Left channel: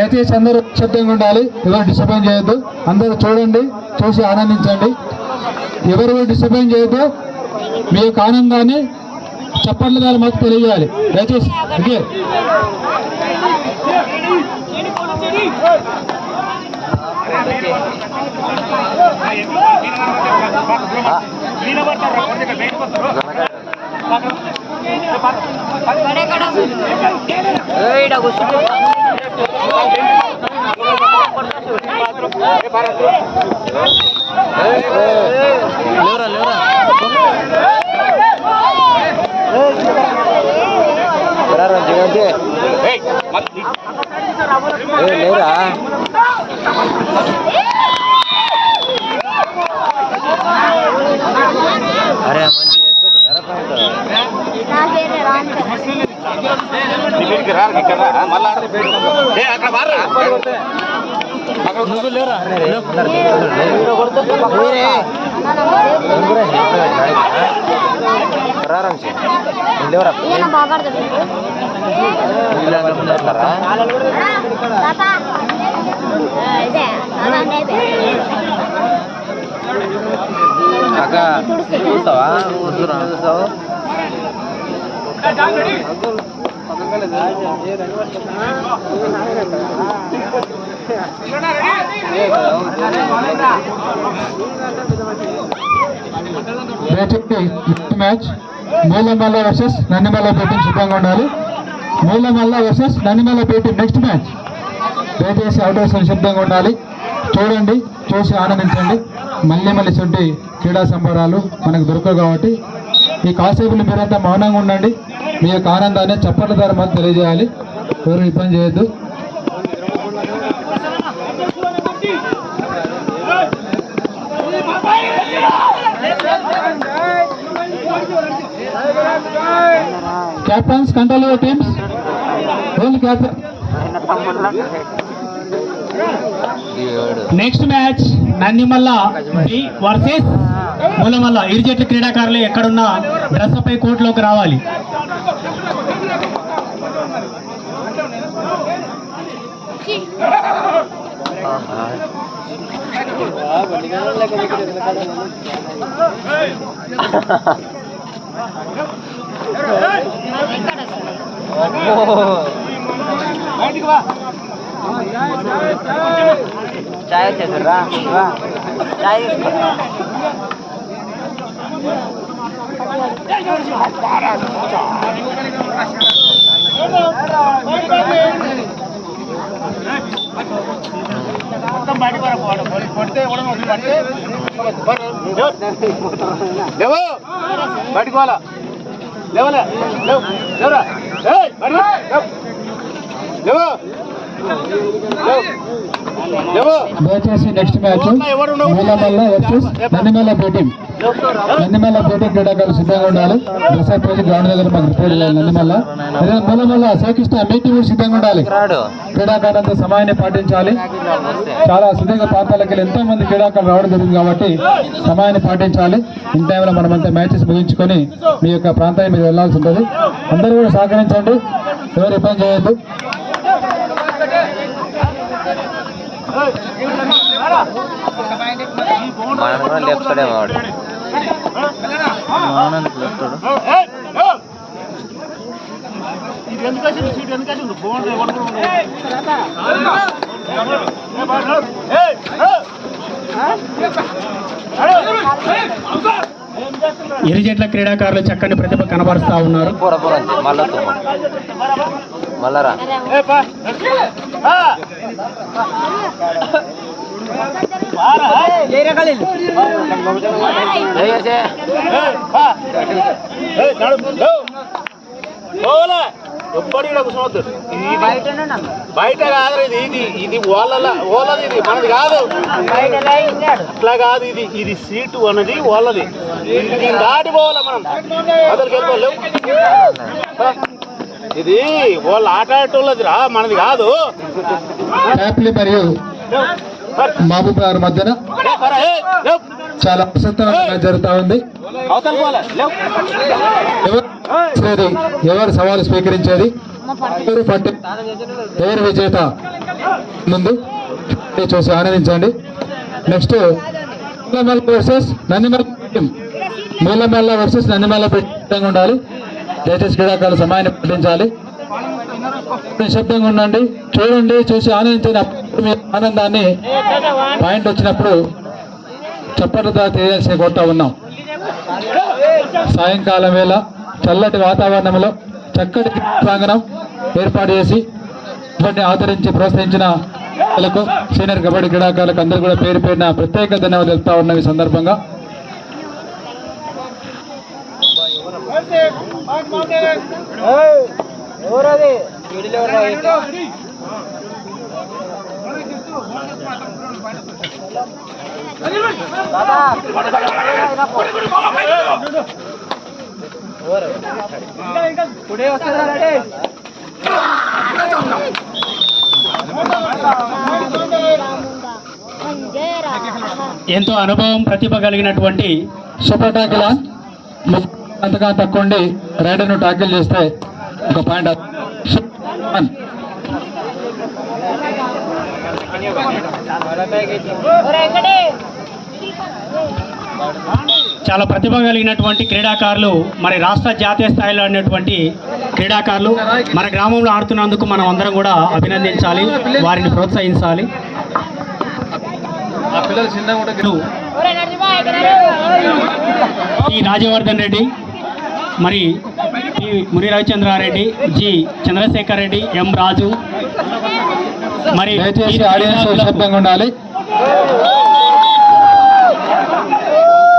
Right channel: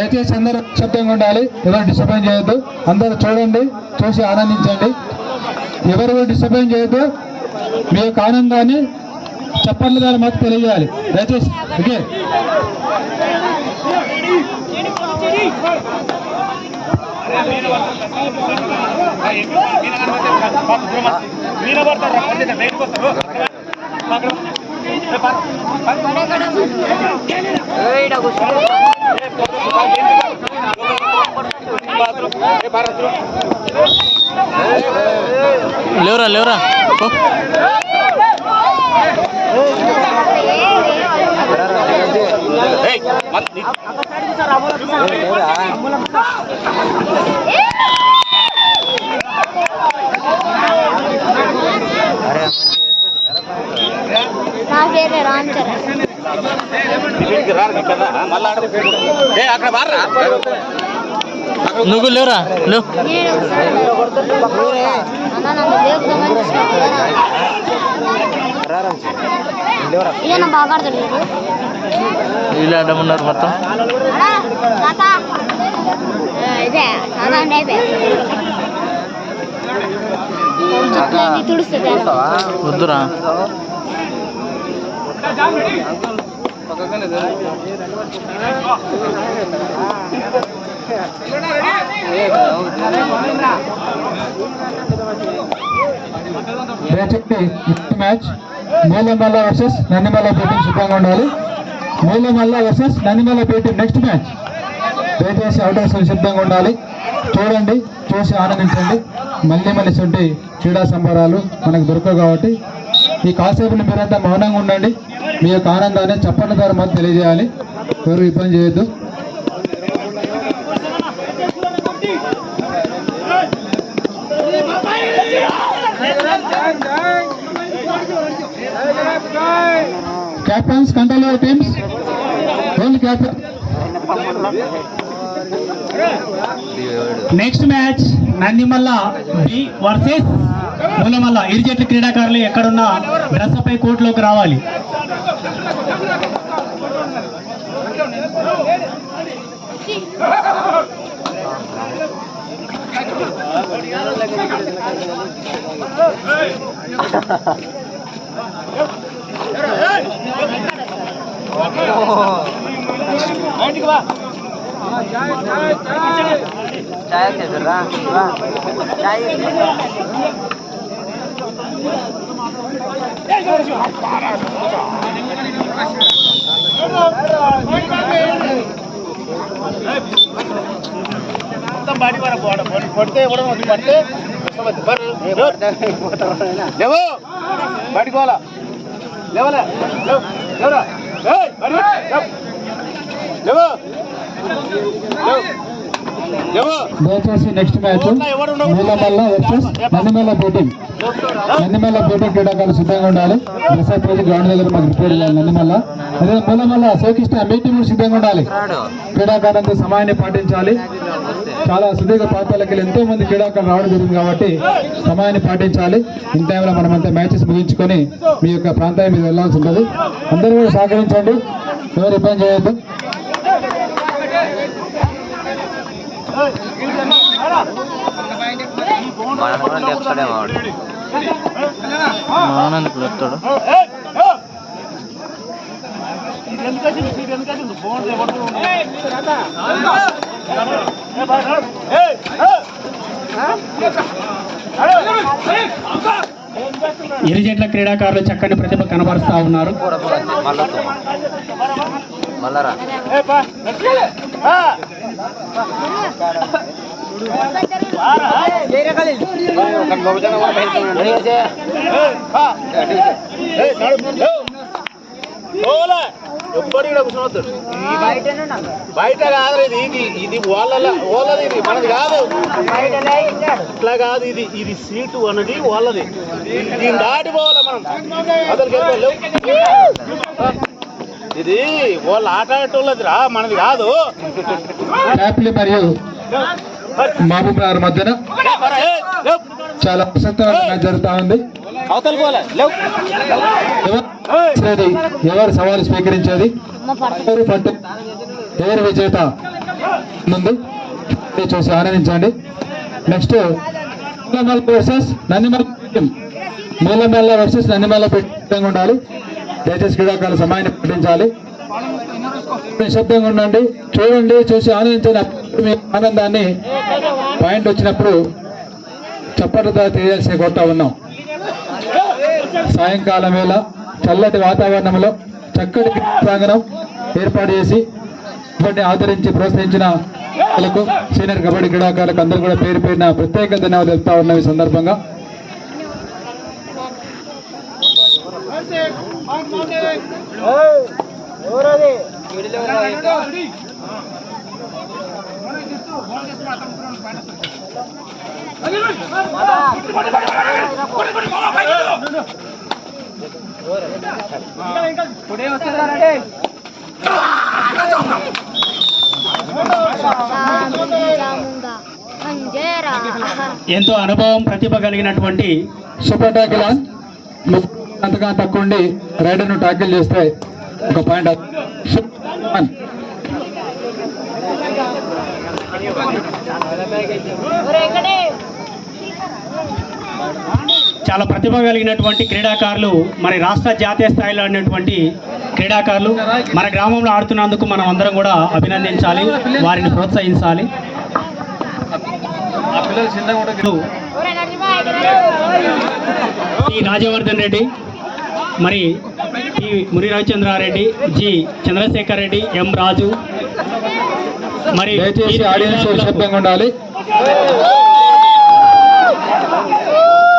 దయచేసి అందరూ నిశ్శబ్దంగా ఉండాలి, ఎవరు డిస్టర్బెన్స్ చేయొద్దు. అందరూ చూడండి, చూసి ఆనందించండి. ఎవరు డిస్టర్బెన్స్ చేయొద్దు. మీ యొక్క ఆనందాన్ని చప్పట్ల ద్వారా మాకు తెలియజేయాలి దయచేసి. ఓకే, లేవరా లేవరా అరే నువ్వు లేవురా వీళ్ళంటున్నారు మొత్తం. వద్దురా match Moolamalla versus Nandimalla team సిద్ధంగా ఉండాలి. Moolamalla versus Nandimalla team next match. దయచేసి అవుటర్స్ సిద్ధంగా ఉండాలి. చూడండి, చూసి ఆనందించండి. మళ్ళీ మళ్ళీ సొంటి క్రీడా సంబరాలు మనకు దొరకవు కాబట్టి ఈ కాసేపులు మీరంతా మౌనంగా ఉండండి. మీ యొక్క ఆనందాన్ని చప్పట్ల ద్వారా మాకు తెలియజేయాలి. ఎవరు ఇబ్బంది చేయొద్దు. Captains, control your teams. Next match Nandimalla versus Moolamalla. ఇరు జట్ల క్రీడాకారులు ఎక్కడున్నా రసపై కోర్టులోకి రావాలి. పడితే బయటకోవాలా లేవలే లేవరా దయచేసి next match Moolamalla versus Nandimalla team. Nandimalla team క్రీడాకారులు సిద్ధంగా ఉండాలి. ప్రసాద్ రోజు గ్రౌండ్ దగ్గర మాకు రిపేర్ నందిమల్ల. అదే మూలమల్ల శ్రీకృష్ణ మీటి కూడా సిద్ధంగా ఉండాలి. క్రీడాకారులతో సమయాన్ని పాటించాలి. చాలా సుదీర్ఘ ప్రాంతాలకు ఎంతో మంది క్రీడాకారులు రావడం జరుగుతుంది కాబట్టి సమయాన్ని పాటించాలి. ఇన్ టైంలో మనమంతా మ్యాచెస్ ముగించుకొని మీ యొక్క ప్రాంతానికి మీరు వెళ్లాల్సి ఉంటుంది. అందరూ కూడా సహకరించండి, ఎవరు ఇబ్బంది చేయొద్దు. మనం కూడా లేపుతాడేమో వాడు. మానందుకు లేపుతాడు. ఇరు జట్ల క్రీడాకారులు చక్కని ప్రతిభ కనబరుస్తా ఉన్నారు. మళ్ళరా ఎప్పటి కూడా కూర్చోవద్దు. బయట కాదు ఇది ఇది ఓలది ఇది మనది కాదు. అట్లా కాదు, ఇది ఇది సీటు అన్నది ఓలది. దీన్ని దాటి పోవాలా మనం, అతనికి వెళ్ళిపోలేవు. ఇది వాళ్ళు ఆట ఆడేటోళ్ళది రా, మనది కాదు. మరియు మహబూబ్ నగర్ మధ్యన చాలా ప్రశాంతంగా జరుగుతా ఉంది. అవతల పోలే ఎవరు సవాలు స్వీకరించేది? ఎవరు విజేత ముందు చూసి ఆనందించండి. Next Moolamalla versus Nandimalla, Moolamalla versus Nandimalla పెట్టంగా ఉండాలి. దయచేసి క్రీడాకారులు సమయాన్ని పాటించాలి. నిశ్శబ్దంగా ఉండండి, చూడండి, చూసి ఆనందించండి. మీ ఆనందాన్ని పాయింట్ వచ్చినప్పుడు చప్పట్లతో తెలియాల్సి కొడతా ఉన్నాం. సాయంకాలం వేళ చల్లటి వాతావరణంలో చక్కటి ప్రాంగణం ఏర్పాటు చేసి ఇవన్నీ ఆదరించి ప్రోత్సహించిన వాళ్ళకు, సీనియర్ కబడ్డీ క్రీడాకారులకు అందరూ కూడా పేరు పేరున ప్రత్యేక ధన్యవాదాలు తెలుపుతా ఉన్నాం. ఈ సందర్భంగా ఎంతో అనుభవం, ప్రతిభ కలిగినటువంటి సూపర్ టాకిల్ అంతగా తక్కువండి రైడర్ను టాకిల్ చేస్తే ఒక పాయింట్. చాలా ప్రతిభ కలిగినటువంటి క్రీడాకారులు, మరి రాష్ట్ర జాతీయ స్థాయిలో ఉన్నటువంటి క్రీడాకారులు మన గ్రామంలో ఆడుతున్నందుకు మనం అందరం కూడా అభినందించాలి, వారిని ప్రోత్సహించాలి. టి రాజవర్ధన్ రెడ్డి, మరి టి ముని రవిచంద్రారెడ్డి, జి చంద్రశేఖర్ రెడ్డి, ఎం రాజు, మరి దయచేసి ఆడియన్స్ శబ్దంగా ఉండాలి.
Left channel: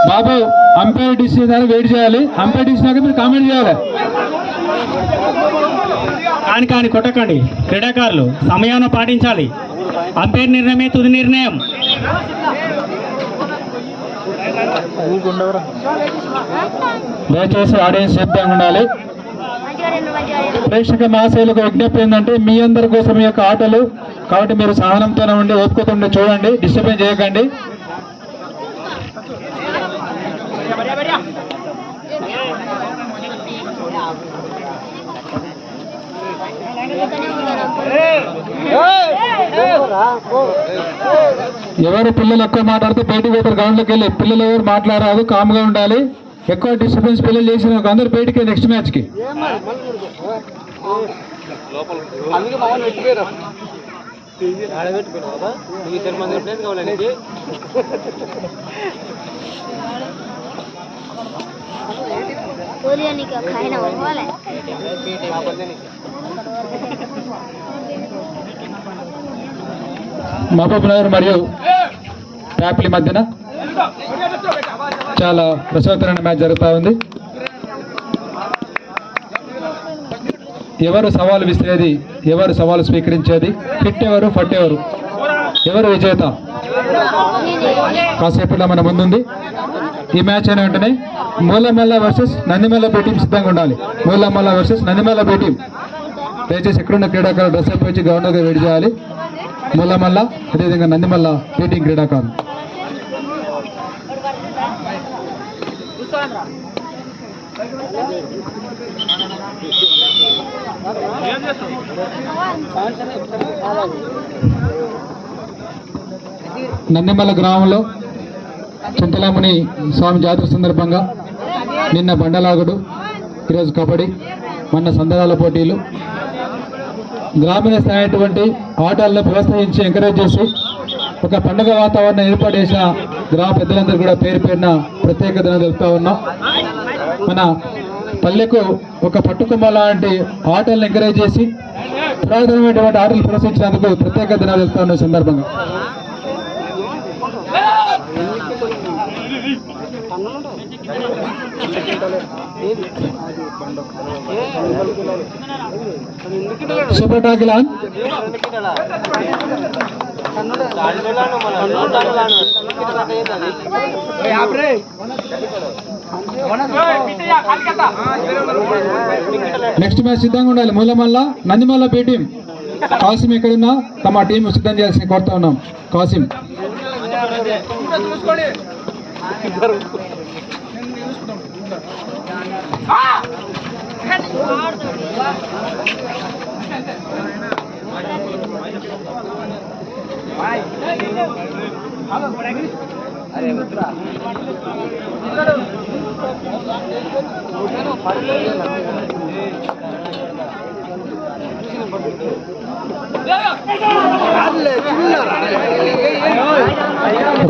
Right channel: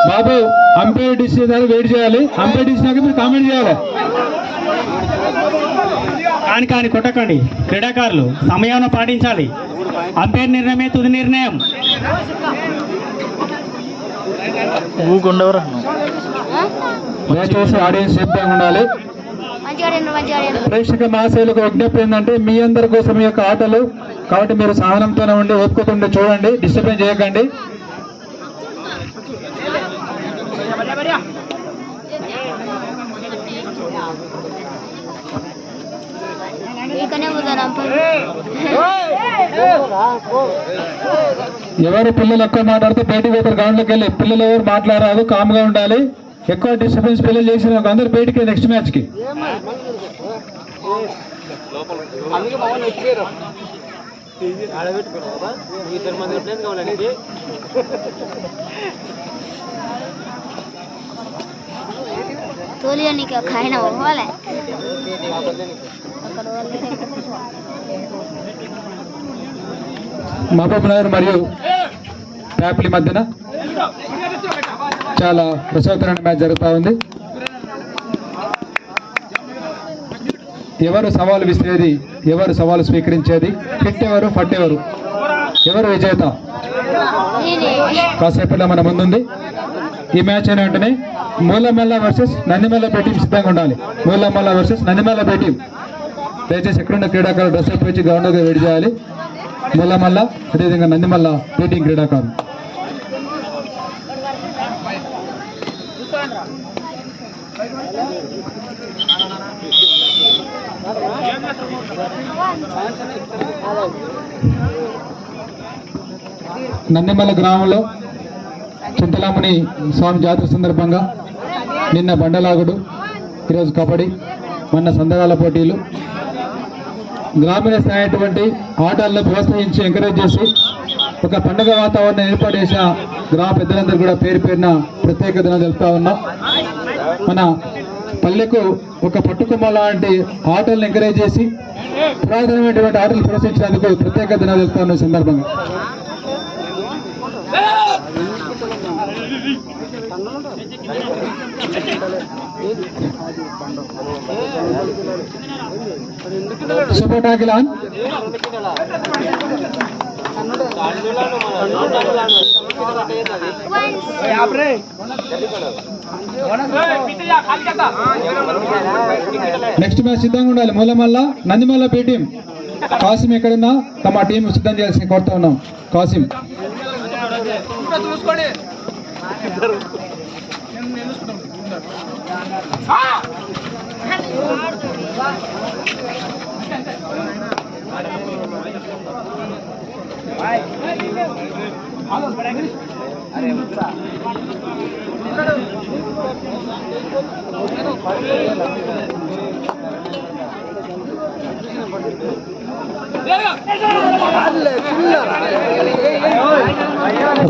బాబు అంపైర్ డిసిషన్ వెయిట్ చేయాలి. అంపైర్ డిసిషన్ మీరు కామెంట్ చేయాలి. కాని కొట్టకండి, క్రీడాకారులు సమయాన్ని పాటించాలి. అంపైర్ నిర్ణయమే తుది నిర్ణయం. దయచేసి ఆడియన్స్ శబ్దంగా ఉండాలి. ప్రేక్షక మహాశయులకు విజ్ఞప్తి ఏంటంటే మీ అందరి కోసం ఈ యొక్క ఆటలు కాబట్టి మీరు సహనంతోనే ఉండి ఓపుకుంటుండే చూడండి, డిస్టర్బెన్స్ చేయకండి. ఎవరు పిల్లలు ఎక్కువ మాట్లాడితే బయటకు పోతారు. గ్రౌండ్లోకి వెళ్ళి పిల్లలు ఎవరు మాట్లాడారు, కామ్గా ఉండాలి. ఎక్కువ డిస్టర్బెన్స్ పిల్లలు చేసిన అందరూ బయటికి నెక్స్ట్ మ్యాచ్కి. మహబూబ్ నగర్ మరియు ప్యాపిలి మధ్యన చాలా రసవత్తరమైన మ్యాచ్ జరుగుతూ ఉంది. ఎవరు సవాలు విసిరేది, ఎవరు సవాలు స్వీకరించేది, ఫిట్ ఎవరు, ఫట్ ఎవరు, ఎవరు విజేత కాసేపట్లో మన ముందుంది. ఈ మ్యాచ్ అయిన వెంటనే మూలమల్ల వర్సెస్ నందిమల్ల టీం సిద్ధంగా ఉండాలి. Moolamalla versus Nandimalla team. దయచేసి ఎక్కడున్న క్రీడాకారులు డ్రెస్ అప్ వచ్చి గ్రౌండ్లోకి రెడీ చేయాలి. మూలమల్ల అదేవిధంగా నందిమల్ల టీం క్రీడాకారులు. నందిమల్ల గ్రామంలో చింతలాముని స్వామి జాతర సందర్భంగా నిన్న బండలాగుడు, ఈరోజు కబడ్డీ, మొన్న సందేహాల పోటీలు, గ్రామీణ స్థాయి అటువంటి ఆటలను ప్రోత్సహించి ఎంకరేజ్ చేసి ఒక పండుగ వాతావరణం ఏర్పాటు చేసిన గ్రామ పెద్దలందరూ కూడా పేరు పేరున ప్రత్యేక ధన్యవాదాలు తెలుపుతా ఉన్నాం. మన పల్లెకు ఒక పట్టుకొమ్మ లాంటి ఆటలను ఎంకరేజ్ చేసి పురాతనమైనటువంటి ఆటలు ప్రోత్సహించినందుకు ప్రత్యేక ధన్యవాదాలు తెలుపుతా ఉన్న సందర్భంగా super tackle on. Next match సిద్ధంగా ఉండాలి. మూలమల్ల నందిమల్ల టీం. కాసిం ఎక్కడున్నా తమ టీం సిద్ధం చేయాల్సి కోరుతా ఉన్నాం. Kasim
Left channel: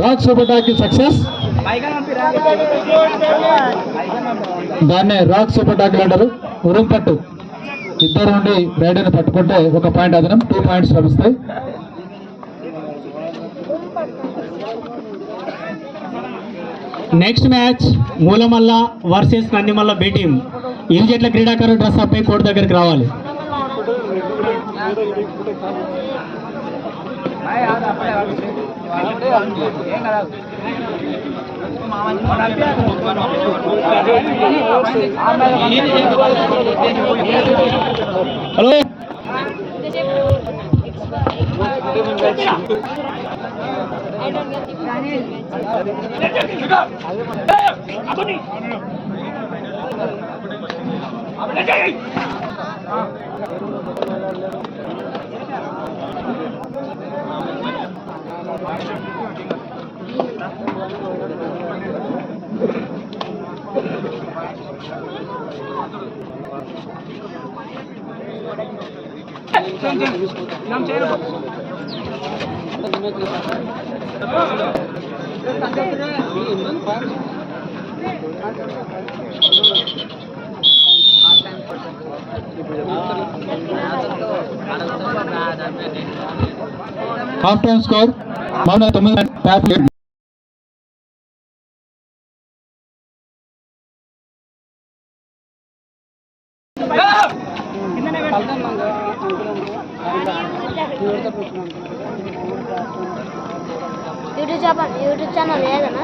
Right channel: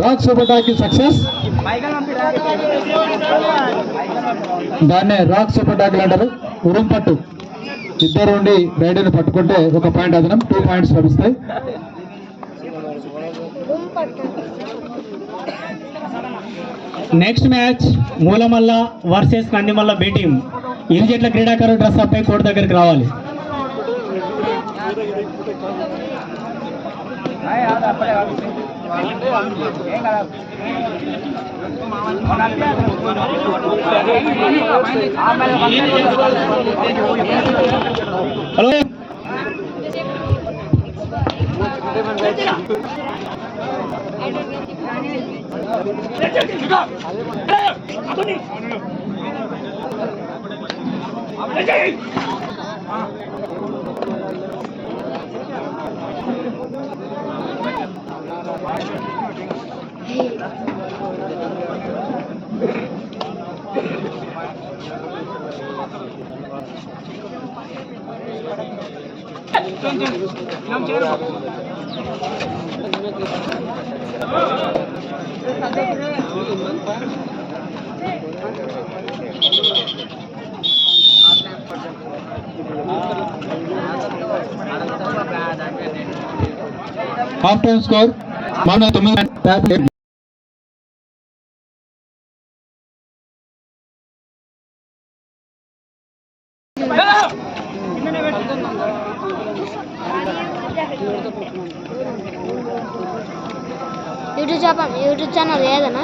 rock super tackle success. దాన్నే రాక్ సూపర్ టాకిల్ అంటారు. ఉరం పట్టు ఇద్దరు నుండి రైడర్ని పట్టుకుంటే ఒక పాయింట్ అదనం, 2 పాయింట్స్ లభిస్తాయి. Next match Moolamalla versus Nandimalla B team. ఇరు జట్ల క్రీడాకారులు డ్రెస్ అప్ అయి కోర్టు దగ్గరికి రావాలి. Hello half time score 9. YouTube channel ఏదన్నా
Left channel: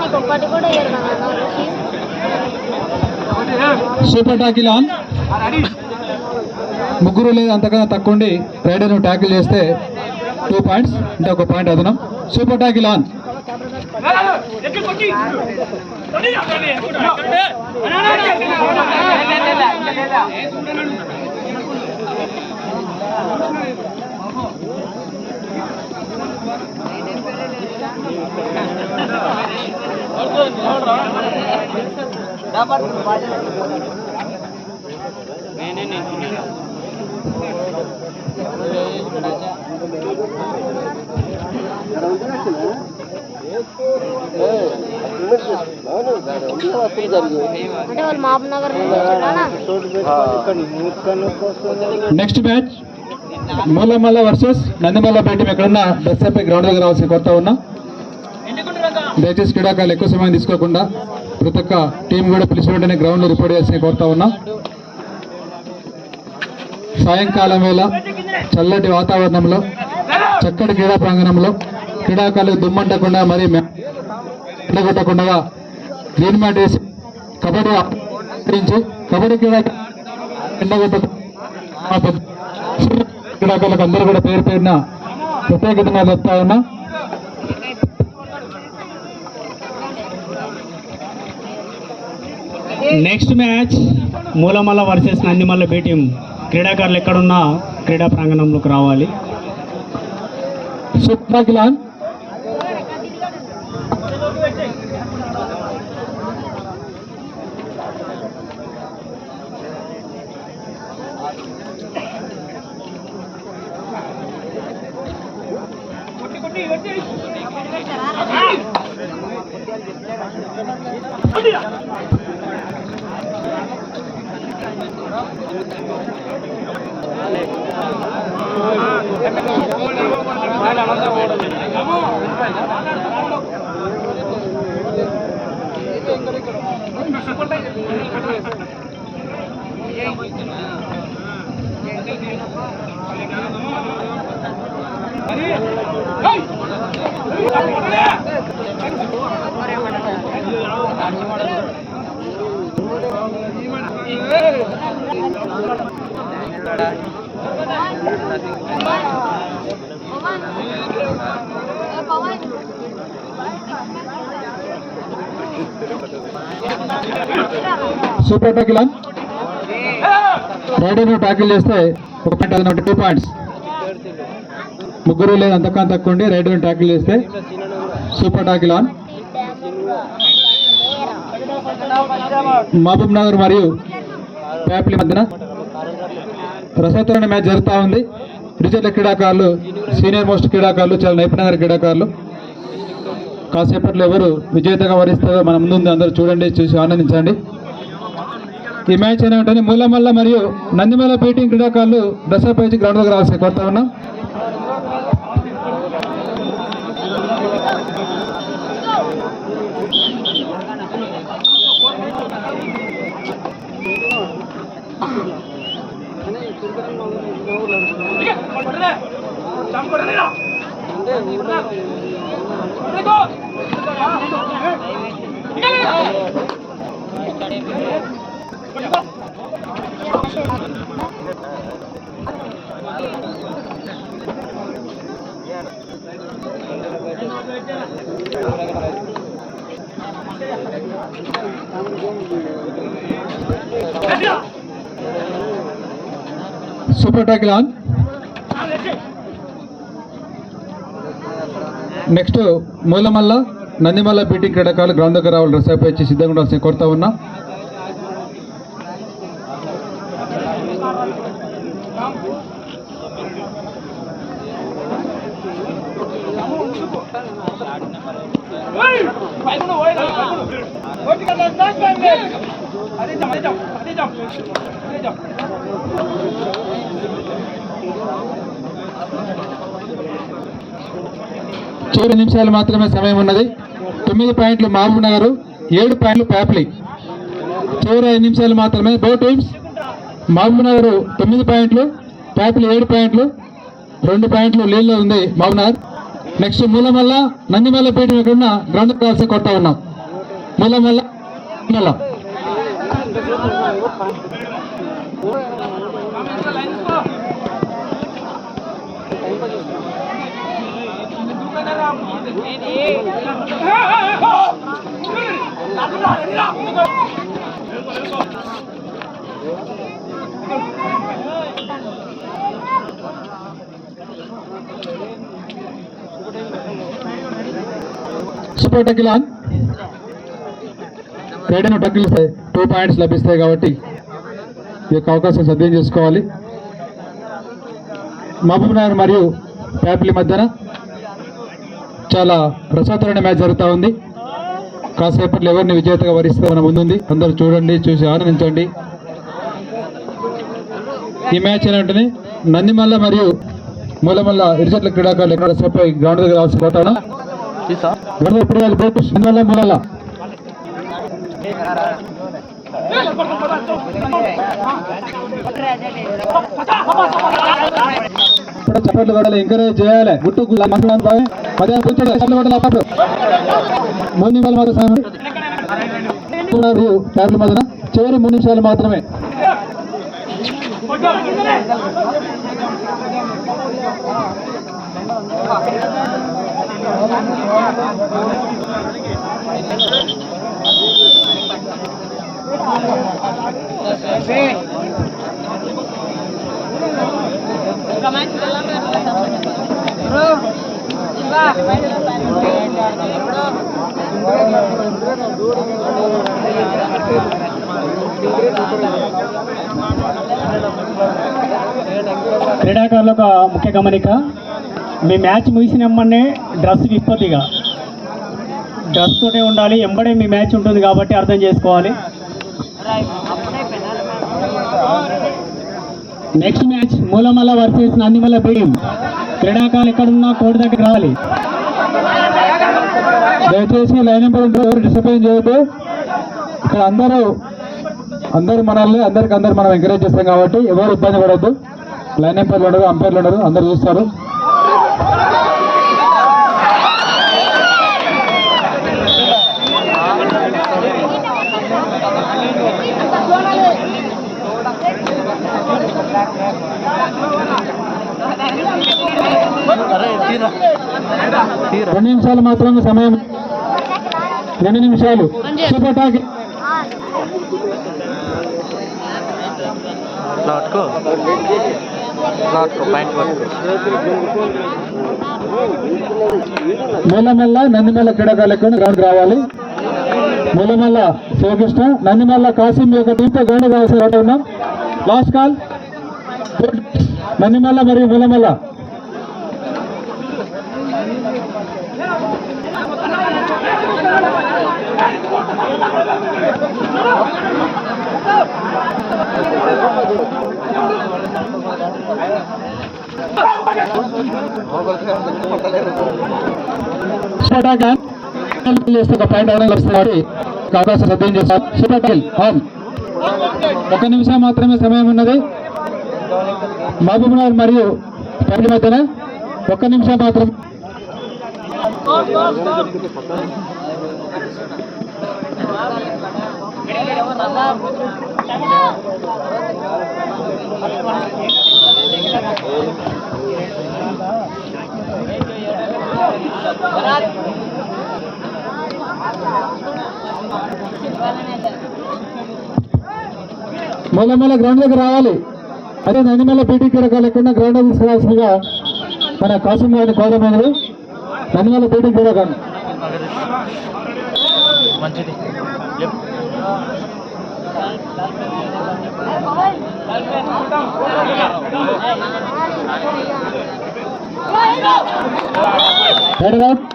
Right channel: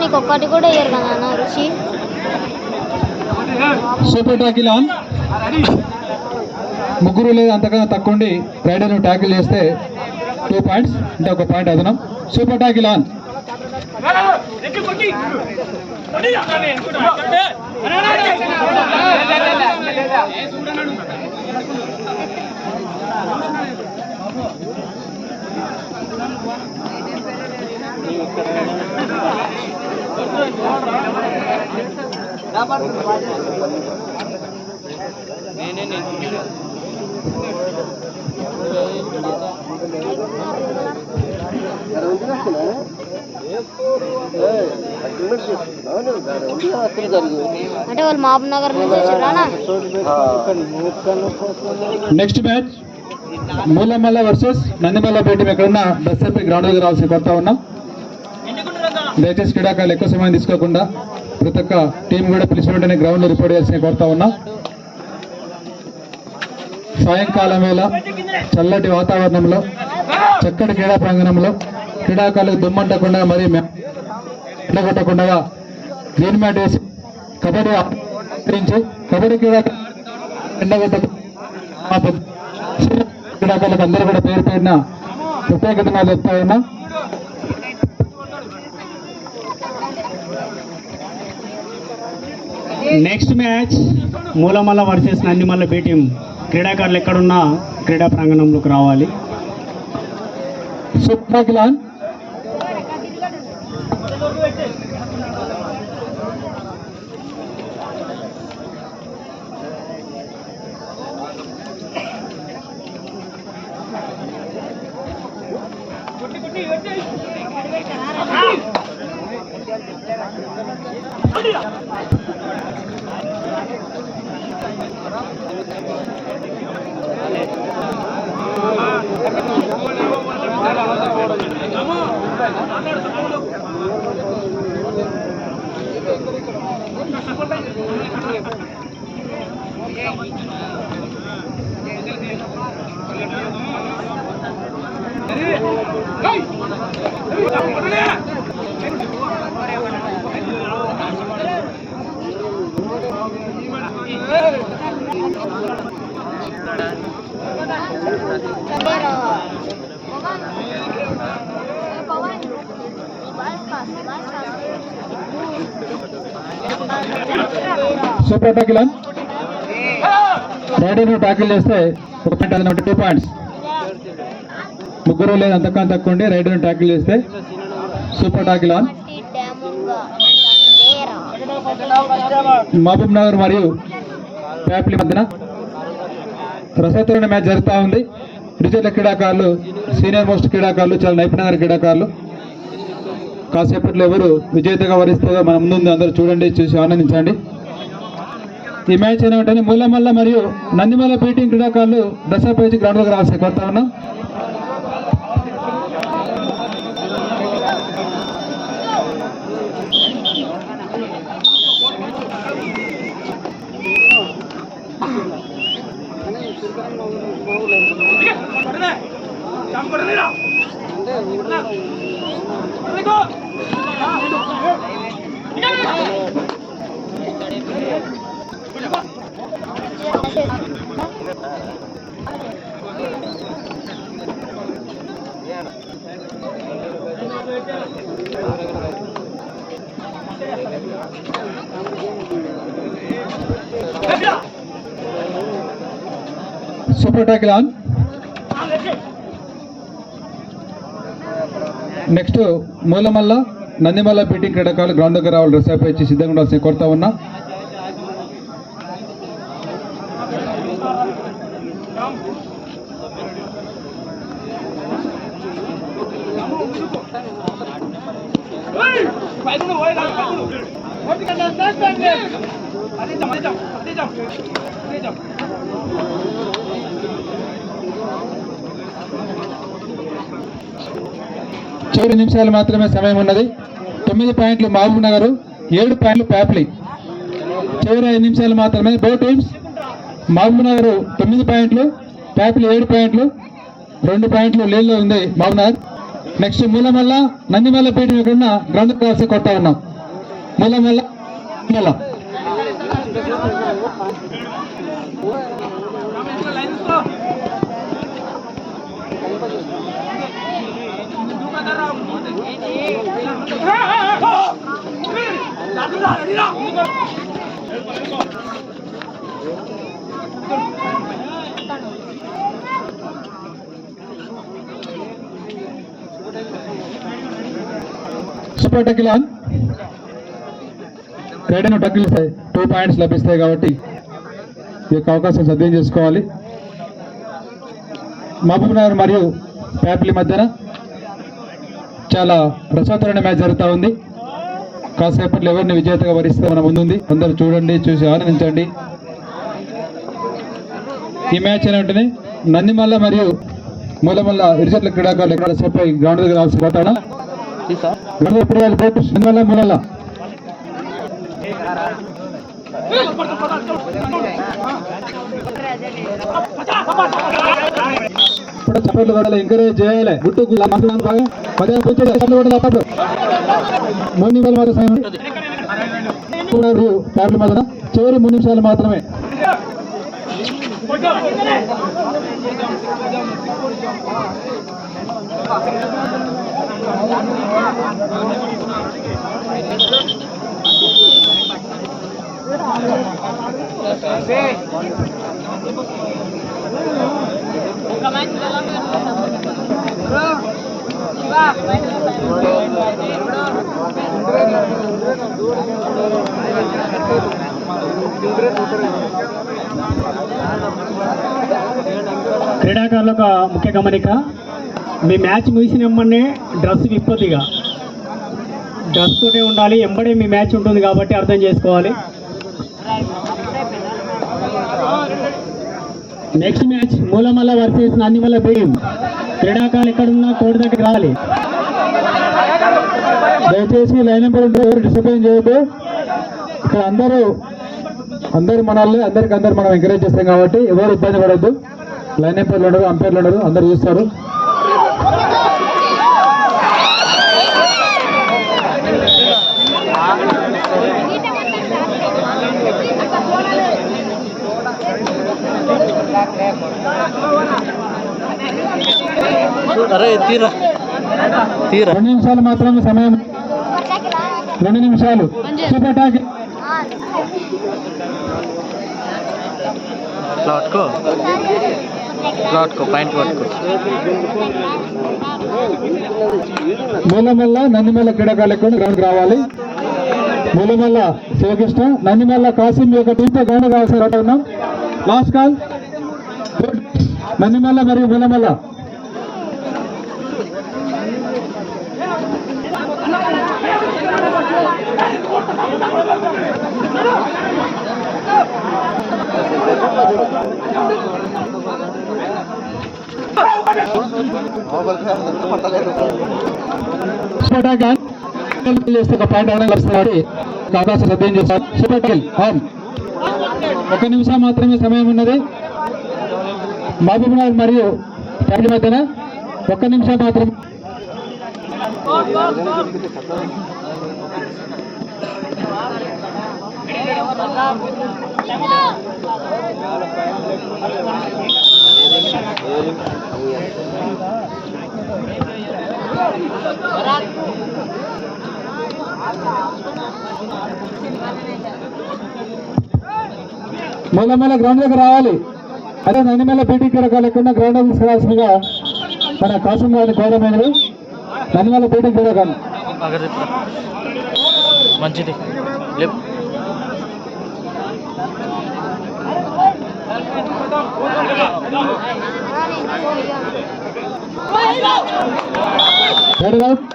నీకు ఒక్కటి కూడా ఇయ్యరు కదా అన్న రుచి. Super tackle on. ముగ్గురు లేదా అంతకన్నా తక్కువ ఉండి రైడర్ను ట్యాకిల్ చేస్తే 2 పాయింట్స్, అంటే ఒక పాయింట్ అదనం. Super tackle on. అంటే వాళ్ళు మహబూబ్ నగర్ నుంచి వచ్చారా? Next match Moolamalla versus Nandimalla B team. ఎక్కడున్నా బస్ అయిపోయి గ్రౌండ్ దగ్గర రావాల్సిన కొత్త ఉన్నా. దయచేసి క్రీడాకారులు ఎక్కువ సమయం తీసుకోకుండా ప్రతి ఒక్క టీం కూడా పిలిచిన వెంటనే గ్రౌండ్ లో రిపోర్ట్ చేయాల్సిన కోరుతా ఉన్నా. సాయంకాలం వేళ చల్లటి వాతావరణంలో చక్కటి క్రీడా ప్రాంగణంలో క్రీడాకారులు దుమ్మంటకుండా మరి ఎండగొట్టకుండా గ్రీన్ మ్యాట్ వేసి కబడ్డీ ఆడించి కబడ్డీ క్రీడాకారులకు అందరూ కూడా పేరు పేరున ప్రత్యేకత చెప్తా ఉన్నా. Next match Moolamalla versus Nandimalla B team. క్రీడాకారులు ఎక్కడున్నా క్రీడా ప్రాంగణంలోకి రావాలి. Super on. Super tackle on. రైడర్ని టాకిల్ చేస్తే 1 పాయింట్, అది 2 పాయింట్స్. ముగ్గురు లేదు అంతకన్నా తక్కువ ఉండి రైడర్ని టాకిల్ చేస్తే super tackle on. Mahbubnagar మరియు ప్యాప్లి మధ్యన రసవత్తరణ మ్యాచ్ జరుగుతూ ఉంది. డిజిటల్ క్రీడాకారులు, సీనియర్ మోస్ట్ క్రీడాకారులు, చాలా నైపుణ్య క్రీడాకారులు. కాసేపట్లో ఎవరు విజేతగా వరిస్తారో మన ముందు అందరూ చూడండి, చూసి ఆనందించండి. ఈ మ్యాచ్ ఏంటంటే మూలమల్ల మరియు నందిమల్ల పీటింగ్ క్రీడాకారులు దశాపేచి గ్రౌండ్ దగ్గర రావాల్సి కోరుతా ఉన్నాం. Super tackle on. Next Moolamalla Nandimalla బీటింగ్ క్రీడాకారులు గ్రౌండ్ దగ్గర రావాలి, డ్రెస్ ఇచ్చి సిద్ధంగా ఉండాల్సిన కోరుతా ఉన్నా. చివరి నిమిషాలు మాత్రమే సమయం ఉన్నది. 9 పాయింట్లు మహబూబ్ నగర్, 7 పాయింట్లు ప్యాప్లి. చివరి 5 నిమిషాలు మాత్రమే. బో టీమ్స్ మహబూబ్ నగర్ 9 పాయింట్లు, ప్యాప్లి 7 పాయింట్లు, 2 పాయింట్లు లీడ్లో ఉంది మహబూబ్ నగర్. నెక్స్ట్ మూలమల్ల నందిమల్ల పీఠం ఉన్న గ్రౌండ్ కాల్సి కొడతా ఉన్నాం. మూలమల్ల సూపర్ టాకిల్ ఆన్. రైడర్ను టాకిల్ చేస్తే 2 పాయింట్స్ లభిస్తాయి కాబట్టి ఈ యొక్క అవకాశం సద్వినియోగం చేసుకోవాలి. మహబూబ్ నగర్ మరియు ప్యాప్లి మధ్యన చాలా రసవత్తరమైన మ్యాచ్ జరుగుతూ ఉంది. కాసేపట్లో ఎవరిని విజేతగా వరిస్తే మన ముందుంది, అందరూ చూడండి, చూసి ఆనందించండి. ఈ మ్యాచ్ ఏంటంటే నందిమల్ల మరియు మూలమల్ల ఇరుజట్ల క్రీడాకారులు ఎక్కడ రసపై గ్రౌండ్ దగ్గర రావాల్సి పోతాడా నందిమల్ల మూలల్ల చప్పట్లు కూడా ఎంకరేజ్ చేయాలి. గుట్టు మూడు నిమిషాలు మాత్రం ప్యాడ్ల మధ్యన చివరి 3 నిమిషాలు మాత్రమే. క్రీడాకారులకు ముఖ్య గమనిక, మీ మ్యాచ్ ముగిసినమ్మనే డ్రెస్ విప్పొద్దిగా, డ్రెస్ తోటే ఉండాలి. ఎంబడే మీ మ్యాచ్ ఉంటుంది కాబట్టి అర్థం చేసుకోవాలి. Next match Moolamalla versus Nandimalla బీమ్. క్రీడాకారులు ఎక్కడున్నా కోర్టు దగ్గర రావాలి. దయచేసి లైన్ నెంబర్ ఎవరు డిసిప్లైన్ చేయొద్దు. ఇక్కడ అందరూ మనల్ని అందరికి మనం ఎంకరేజ్ చేస్తాం కాబట్టి ఎవరు ఇబ్బంది పడద్దు. లైన్ ఎంపైర్లు ఉన్నారు, అంపైర్లు ఉన్నారు, అందరు చూస్తారు. తీరా 2 నిమిషాలు మాత్రమే సమయం. 2 నిమిషాలు. Super talk. మెల్లమెల్ల నందిమల్ల క్రీడాకారులకు గ్రౌండ్ రావాలి. మెల్లమెల్ల శివకృష్ణ, నందిమల్ల కాసిం యొక్క టీంతో గ్రౌండ్ రావాల్సి ఉన్నాం. లాస్ట్ కాల్ నందిమల్ల మరియు మెల్లమెల్ల. అవకాశం సిద్ధం చేశారు. Super tackle on. 1 నిమిషం మాత్రమే సమయం ఉన్నది. మహబూబ్నగర్ మరియు పరిధి మధ్యన 1 నిమిషం మాత్రం. మెల్లమెల్ల గ్రౌండ్ దగ్గర రావాలి. అదే నందిమల్ల పీటీ క్రీడాకారులు లేకుండా గ్రౌండ్ తీసుకురావాల్సిందిగా మన కాసిం గారిని కోరమైనది. నందిమల్ల పీటీ క్రీడాకారులు మంచిది.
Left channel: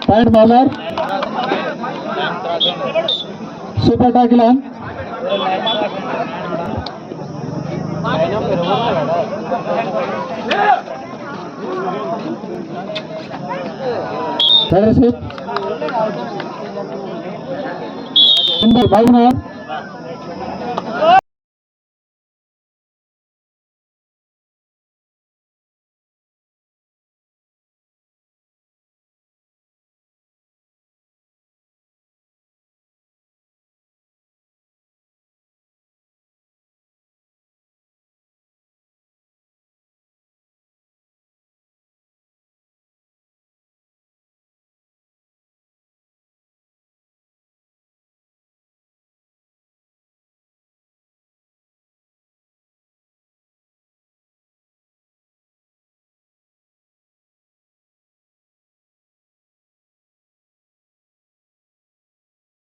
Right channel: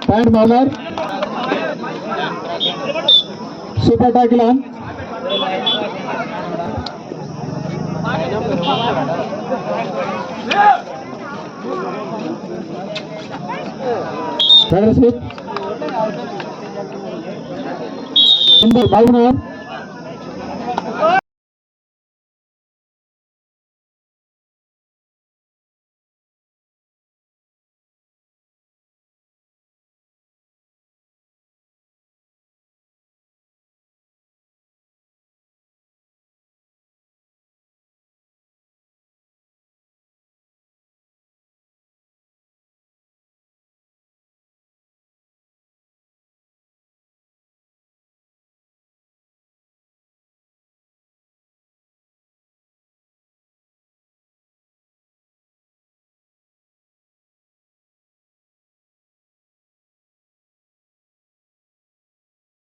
పాయింట్ మాలార్. Super tackle on. లీడర్షిప్ 5